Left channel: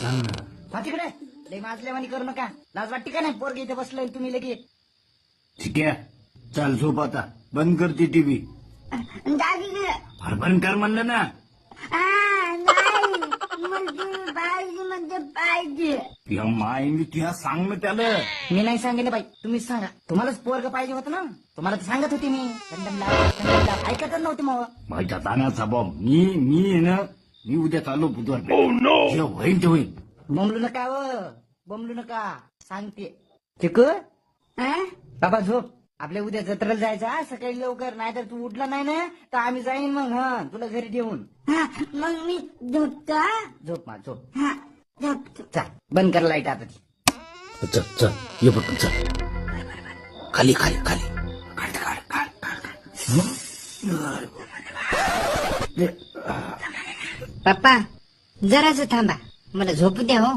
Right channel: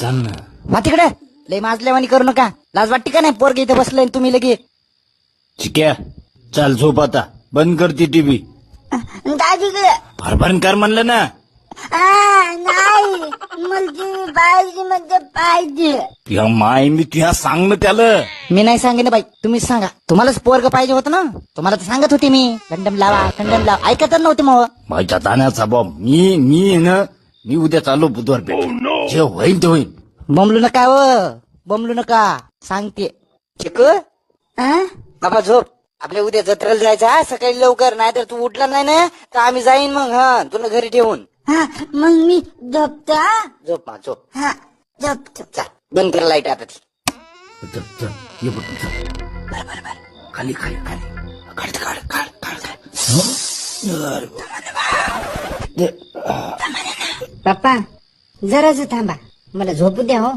चाल ना. वा तिकडे लय माजल्यावानी करू नका. लाज वाटते का नाही? पोरग इथे बसलंय तुम्ही लगे. ठीक आहे, चाल झोप आता. बंद करते टीव्ही. दादीकडे बंद कर म्हणलं ना. नाही म्हणजे पाहिजे म्हणजे पाहिजे. या माय मी तुझ्या सांग ना त्याला. मी नाही सांगेन बाई, तुम्हीच सांगा. तुम्हालाच पोरग पाहिजे होतं ना. तुम्हाला तर सांगत होते मी कंडम लावा कंडम लावा. ऐकत नव्हते मग. माझ्या ताण्याचा बॉब मी उद्या चालू बुधवार जे होईल ते होईल. बमलू नका व बमलू नका सांगते. चिकू बाबा झोप. आपल्या उद्या जत्रेला जायचं हा, सकाळी लवकर. नाहीतर तू उठला नाही ना तर आम्ही जाईन मग. हा तुला घरी ठेवून. मग मी झोपतो. झोप मा झोप. झोपतो. चल बंद कर लाईट आता ती. चल चल ये बघ चल. खाली खाली खाली काढ काढ काढ काढ. पप्पा जराच थांबा, मला झोपू द्या हो.